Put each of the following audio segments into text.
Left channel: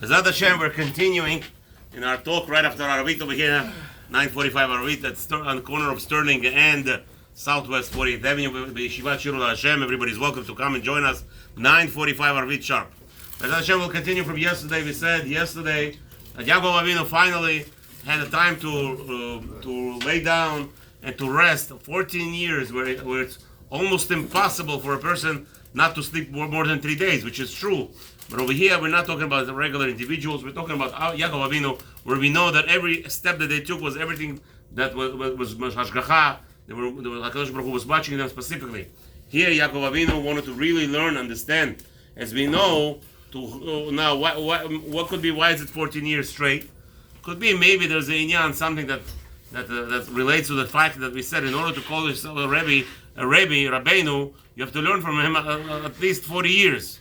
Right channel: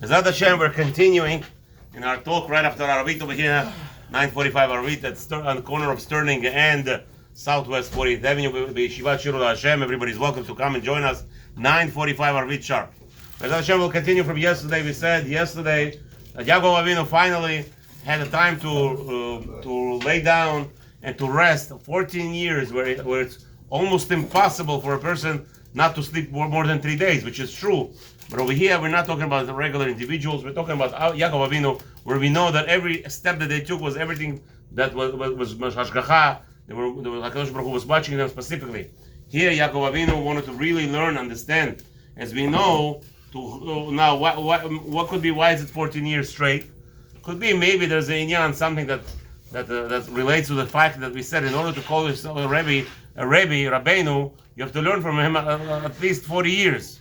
LaHaShem, we're continuing in our talk right after Arvit over here, 945 Arvit, that's on the corner of Sterling and Southwest 40th Avenue. Yeshivath Shiru LaHaShem. Everybody's welcome to come and join us. 945 Arvit sharp. LaHaShem will continue from yesterday. We said yesterday that Yaakov Avinu finally had the time to lay down and to rest. 14 years where it's almost impossible for a person not to sleep more than 3 days, which is true. But over here, we're not talking about the regular individuals. We're talking about Yaakov Avinu, where we know that every step that they took was everything that was hashgacha. HaKadosh Baruch Hu was watching them specifically. Here, Yaakov Avinu wanted to really learn, understand. As we know, now what could be? Why is it 14 years straight? Could be maybe there's a inyan, something that relates to the fact that we said in order to call yourself a Rabbeinu, you have to learn from him at least 40 years.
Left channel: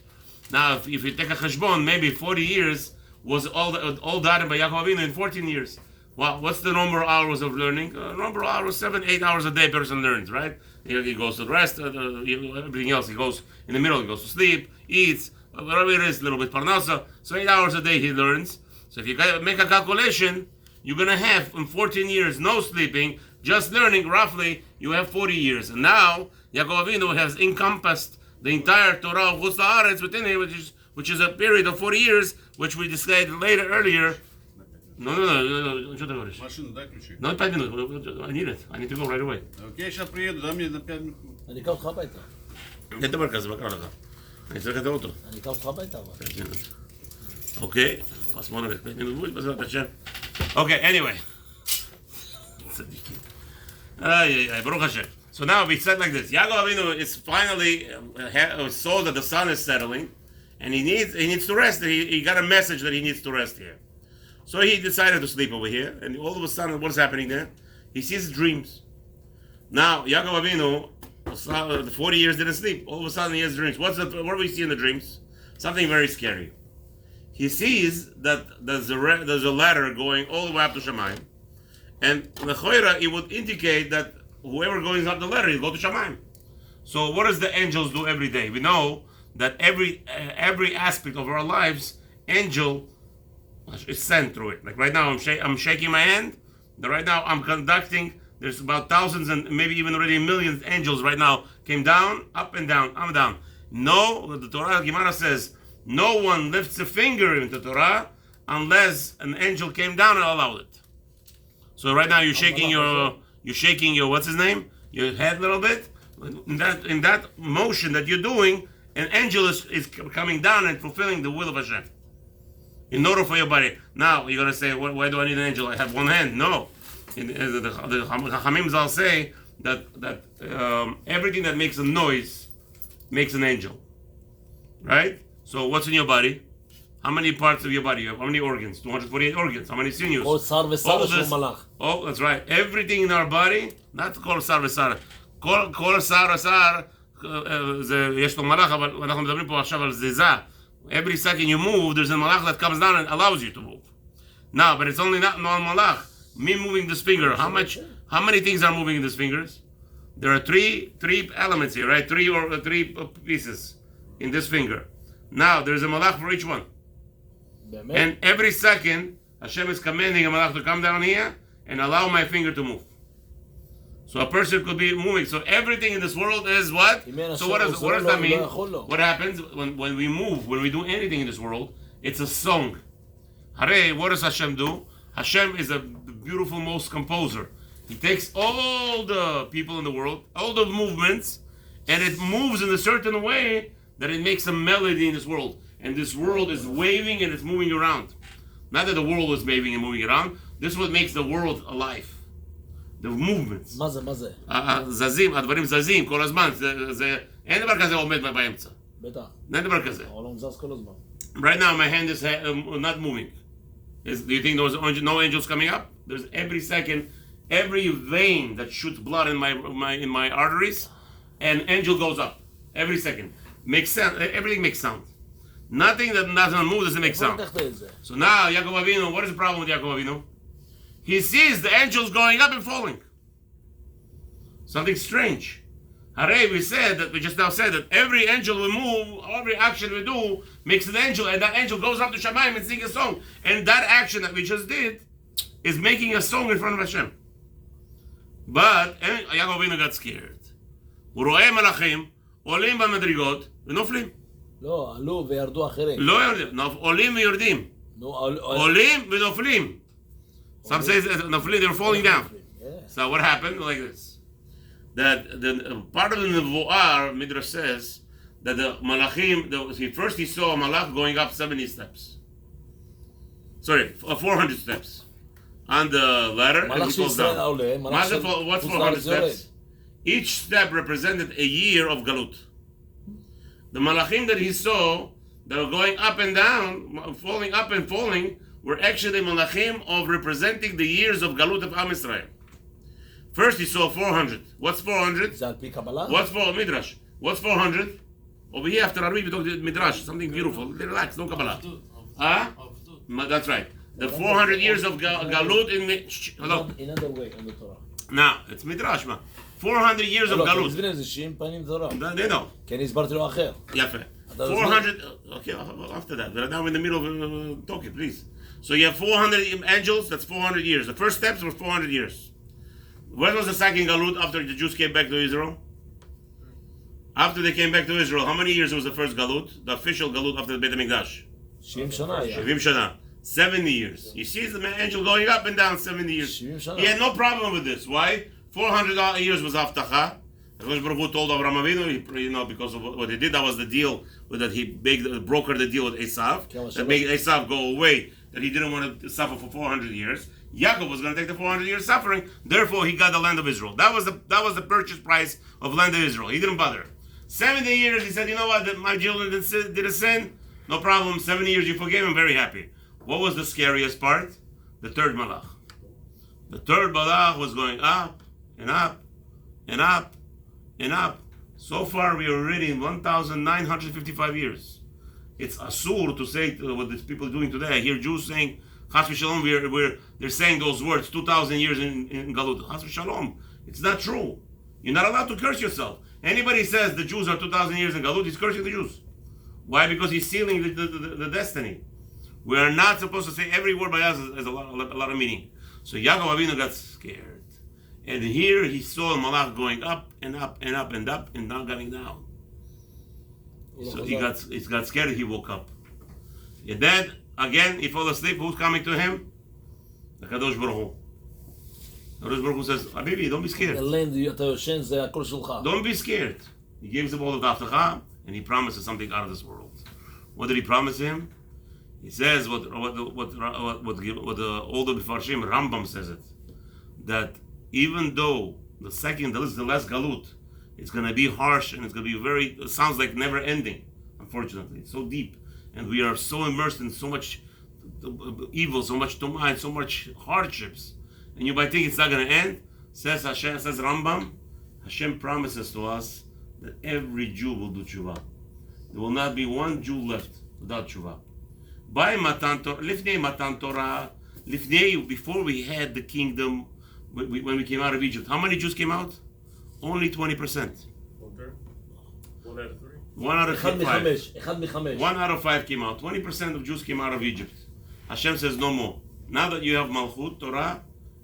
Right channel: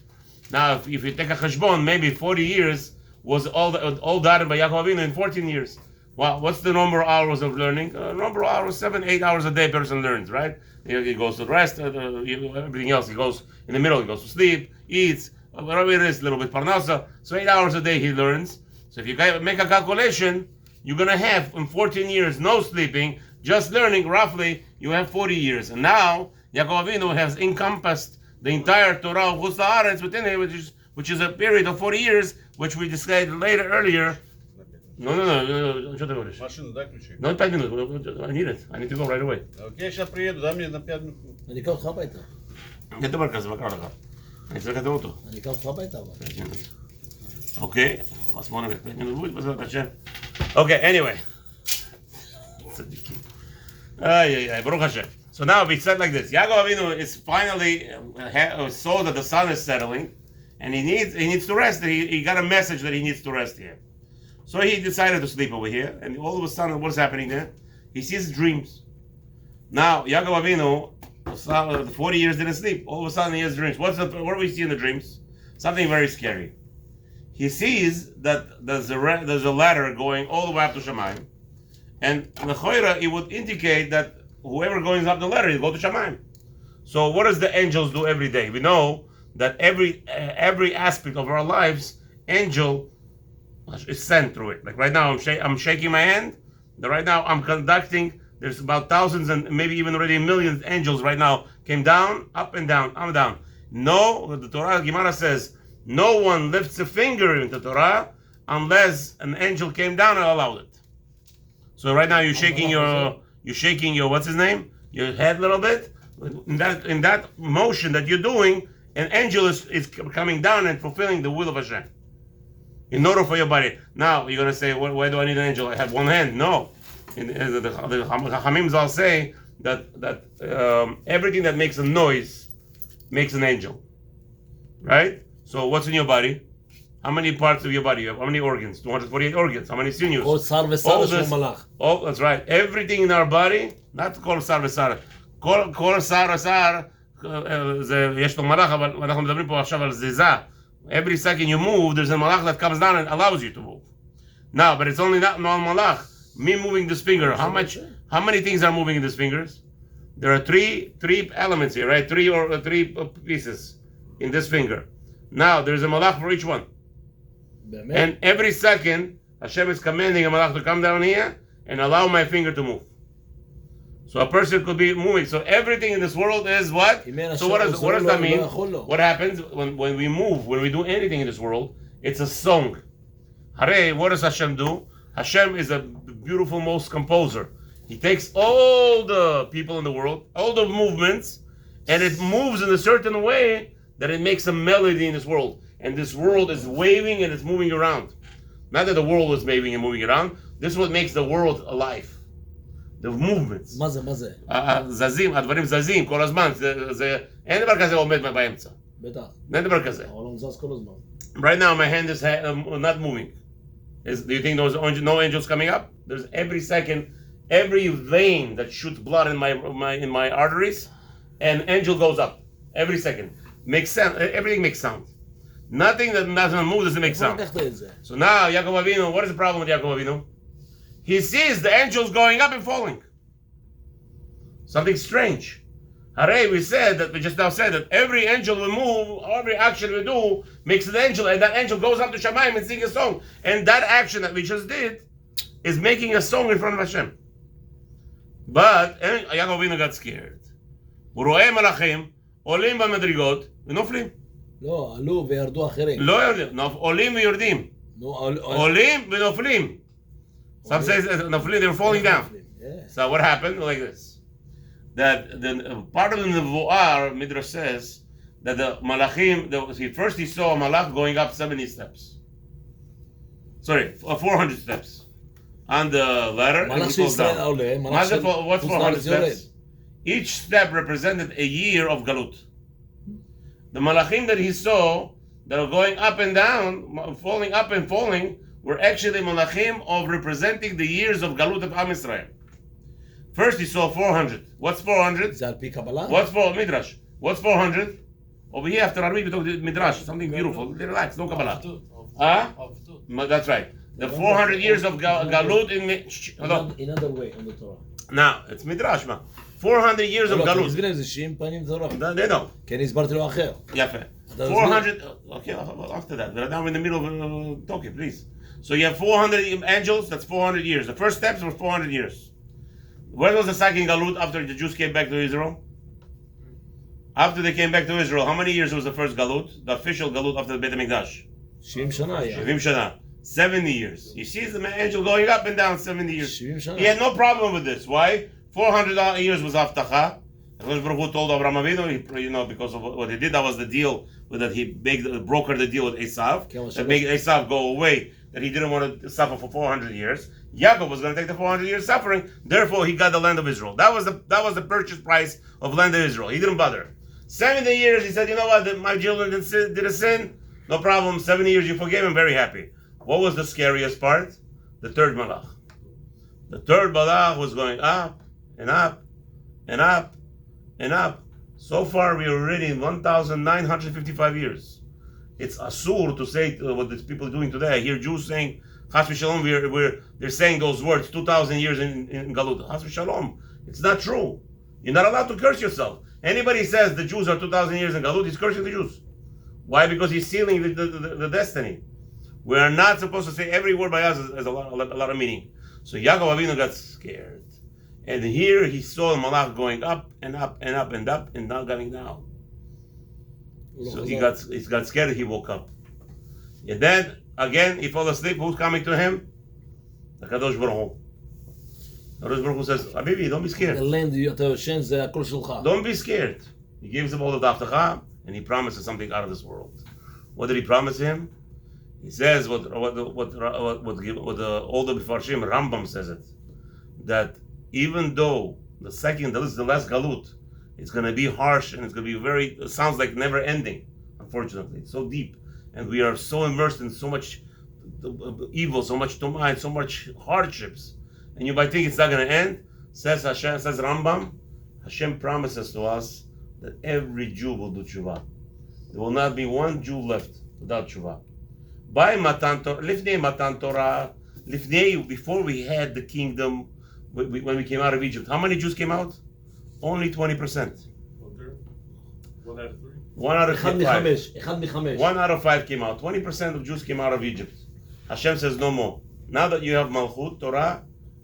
Now, if you take a cheshbon, maybe 40 years was all done by Yaakov Avinu in 14 years. Well, what's the number of hours of learning? Number of hours, 7-8 hours a day person learns, right? He goes to the rest, everything else. He goes in the middle, he goes to sleep, eats, whatever it is, a little bit parnasa. So 8 hours a day he learns. So if you make a calculation, you're going to have in 14 years no sleeping, just learning, roughly, you have 40 years. And now, Yaakov Avinu has encompassed the entire Torah of Chutz La'aretz within it, which is a period of 40 years, which we decided earlier. No. No, 5 minutes. I need it. I need to go right away. Okay, сейчас приеду, дай мне на 5 минут. אני אקח אותך הביתה. אין דבר כזה, מה קרה לך? אני צריך לקדם אותו. אני אקח אותך הביתה אבל. אוקיי, אז בוא נראה, 5 minutes, בעזרת השם. Okay, anyway. Baruch Hashem. So now we said like this: Yaakov Avinu is finally saw that the sun is settling, and he needs to rest. He got a message that he needs to rest here. So he decided to sleep over here, and all of a sudden, what's happening there? He sees dreams. Now Yaakov Avinu, 40 years didn't sleep. All of a sudden, he has dreams. What do we see in the dreams? Something very scary. He sees that there's a ladder going all the way up to Shamayim, and l'choira it would indicate that whoever goes up the ladder, he'll go to Shamayim. So what does the angels do every day? We know that every aspect of our lives, angel is sent through it. Like right now, I'm shaking my hand. Right now, I'm conducting. There's about thousands and maybe even already millions of angels right now came down, up and down, up and down. No, the Torah Gemara says no one lifts a finger into Torah unless an angel came down and allowed it. So right now you're shaking your what's his name? Your head a little bit. In that motion that you're doing, an angel is coming down and fulfilling the will of Hashem. In order for your body. Now you're gonna say, why do I need an angel? I have one hand. No. The Chachamim will say that everything that makes a noise makes an angel. Right? So what's in your body? How many parts of your body you have? How many organs? 248 organs. How many sinews? Oh, that's right. Everything in our body, not כל שר ושר. כל שר ושר, יש לו מלאך, אבל אנחנו מדברים פה עכשיו על זיזה. Every second you move, there's a malach that comes down and allows you to move. No, but it's only not malach. Me moving this finger. How many things are moving in these fingers? There are three elements here, right? Three pieces in this finger. Now there's a malach for each one. And every second, Hashem is commanding a malach to come down here and allow my finger to move. So a person could be moving. So everything in this world is what? So what does that mean? What happens when we move, when we do anything in this world? It's a song. Hare, what does Hashem do? Hashem is a beautiful, most composer. He takes all the people in the world, all the movements, and it moves in a certain way that it makes a melody in this world. And this world is waving and it's moving around. Not that the world is waving and moving around. This is what makes the world alive. The movements. מה זה? זזים, הדברים זזים כל הזמן. אין דבר כזה עומד באמצע. בטח. אין דבר כזה. העולם זז כל הזמן. Right now my hand is not moving. Do you think there's no angels coming up? There's every second, every vein that shoots blood in my arteries, an angel goes up. Every second. Makes sound. Everything makes sound. Nothing that doesn't move doesn't make sound. So now Yaakov Avinu, what is the problem with Yaakov Avinu? He sees the angels going up and falling. Something strange. Hooray, we just now said that every angel we move, every action we do makes an angel, and that angel goes up to Shamayim and sings a song. And that action that we just did is making a song in front of Hashem. But Yaakov Avinu got scared. הוא רואה מלאכים עולים במדרגות ונופלים. לא, עלו וירדו אחרים. לא יורדים, עולים ויורדים. עולים ונופלים. Some say נופלים, they're falling down. So what happened? Like this. That the part of the Nevuah, Midrash says, that the Malachim, first he saw a Malach going up 70 steps. Sorry, 400 steps. On the ladder, and he goes down. What's 400 steps? Each step represented a year of Galut. The Malachim that he saw, that were going up and down, falling up and falling, were actually Malachim of representing the years of Galut of Am Israel. First he saw 400. What's 400? What's for Midrash? What's 400? Over here after Arvit we talk Midrash, something beautiful. Relax, no Kabbalah. That's right. The 400 years of Galut in the... Hello. Another way on the Torah. Now, it's Midrash, man. 400 years of Galut. They know. כן, הסברתי לו אחר. יפה. 400... Okay, after that. But now I'm in the middle of talking, please. So you have 400 angels, that's 400 years. The first steps were 400 years. When was the second Galut after the Jews came back to Israel? After they came back to Israel, how many years was the first Galut? The official Galut after the Beit HaMikdash? 70 שנה. 70 shana. 70 years. You see the angel going up and down 70 years. He had no problem with this. Why? 400 years was Avtacha. Baruch Hu told Avraham Avinu, because of what he did, that was the deal that he brokered the deal with Esav. That made Esav go away, that he didn't want to suffer for 400 years. Yaakov was going to take the 400 years suffering, therefore he got the land of Israel. That was the purchase price of land of Israel. He didn't bother. 70 years, he said, you know what, my children did a sin, no problem, 70 years you forgave him, very happy. What was the scariest part? The third Malach. The third Malach was going up, and up, and up, and up. So far we are already in 1,955 years. It's asur to say what these people are doing today. I hear Jews saying, Chas v'shalom, they're saying those words 2,000 years in Galut. Chas v'shalom. It's not true. You're not allowed to curse yourself. Anybody says the Jews are 2,000 years in Galut, he's cursing the Jews. Why? Because he's sealing the destiny. We are not supposed to say every word by us has a lot of meaning. So Yaakov Avinu got scared. And here he saw the Malach going up and up and up and up and not going down. So he got scared, he woke up. And then, again, he fell asleep. Who's coming to him? The Kadosh Baruch Hu. Kadosh Baruch Hu says, Habibi, don't be scared. Don't be scared. He gives him all of the Avtacha, and he promises something out of this world. What did he promise him? He says what the older Mefarshim, Rambam says it, that even though the last Galut, it's going to be harsh and it's going to be it sounds like never ending, unfortunately. It's so deep. And we are so immersed in so much evil, so much tumah, so much hardships. And you might think it's not going to end. Says Rambam, Hashem promises to us that every Jew will do tshuva. There will not be one Jew left without tshuva. By Matan Torah, before we had the kingdom, when we came out of Egypt, how many Jews came out? Only 20%. Okay. 1 out of 3. 1 out of 5. 1 out of 5 came out. 20% of Jews came out of Egypt. Hashem says no more. Now that you have Malchut, Torah,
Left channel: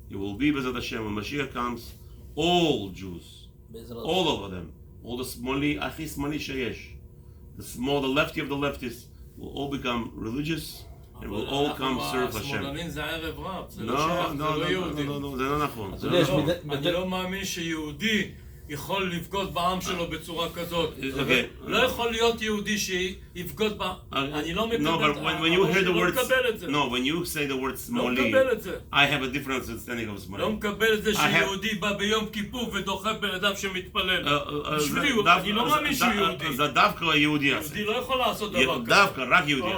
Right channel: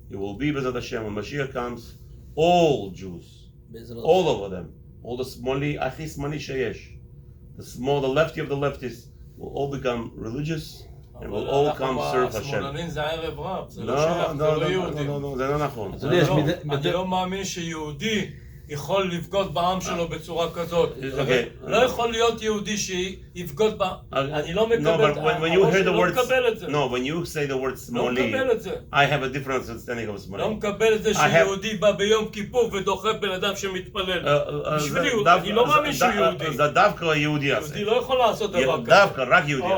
it will be B'ezrat Hashem. When Mashiach comes, all Jews, all over them, all the smali, achi smali sheyesh, the lefty of the leftists, will all become religious and will all come serve Hashem. No, זה לא נכון. אני לא מאמין שיהודי יכול לבגוד בעם שלו בצורה כזאת. לא יכול להיות יהודי שיבגוד בעם. אני לא מקבל את זה. No, when you say the word smali, I have a different understanding of smali. לא מקבל את זה שיהודי בא ביום כיפור ודוחף בן אדם שמתפלל. אני לא מאמין שהוא יהודי. זה דווקא היהודי יעשה. יהודי לא יכול לעשות דבר כזה. דווקא, רק יהודי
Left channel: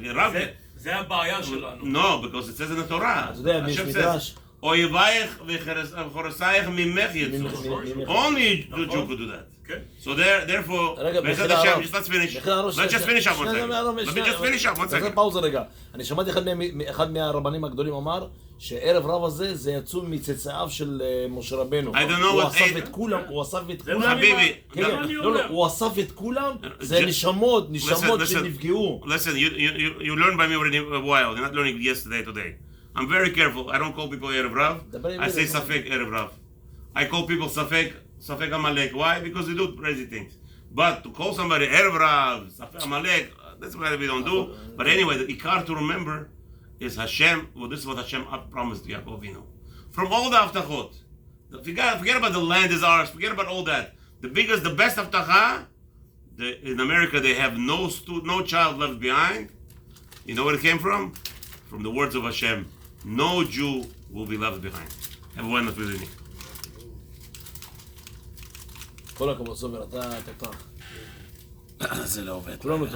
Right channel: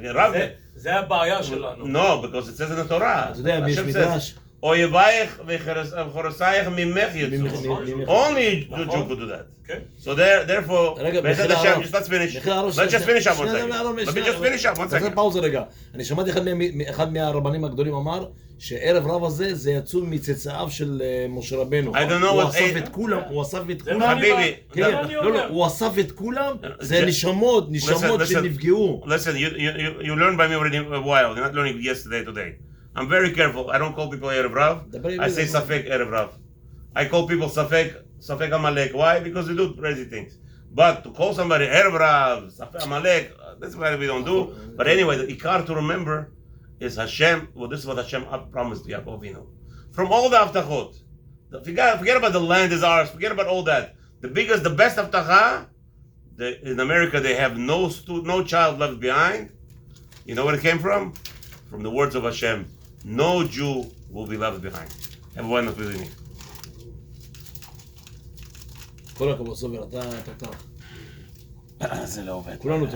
יעשה. זה הבעיה שלנו. No, because it says in the Torah. אתה יודע, יש מדרש, Oyevayich v'chorosayich mimech yitzu. Only the Jew could do that. כן. So therefore, רגע, Be'ezrat מחילה Hashem, הרב. just let's finish. מחילה הרב, Let's just finish up one שנייה, second. לא, Let me just finish up one תעשה second. פאוזה רגע. אני שמעתי אחד מהרבנים הגדולים אמר שערב רב הזה זה יצאו מצאצאיו של משה רבנו. I don't know הוא what- אסף את כולם, הוא אסף את כולם. חביבי, כן, לא, הוא אסף את כולם, זה נשמות Listen. שנפגעו. Listen, you learn by me already a while. You're not learning yesterday, today. I'm very careful. I don't call people Erev Rav. I say Safek Erev Rav. I call people Safek Amalek. Why? Because they do crazy things. But to call somebody Erev Rav, Safek Amalek, that's what we don't do. But anyway, the Ikar to remember is Hashem. Well, this is what Hashem promised to Yaakov Avinu. From all the Avtachot. Forget about the land is ours. Forget about all that. The best Avtacha, in America they have no child left behind. You know where it came from? From the words of Hashem. No Jew will be left behind. Have a wonderful evening. כל הכבוד סובר, אתה תותח. זה לא עובד. כולנו טועים.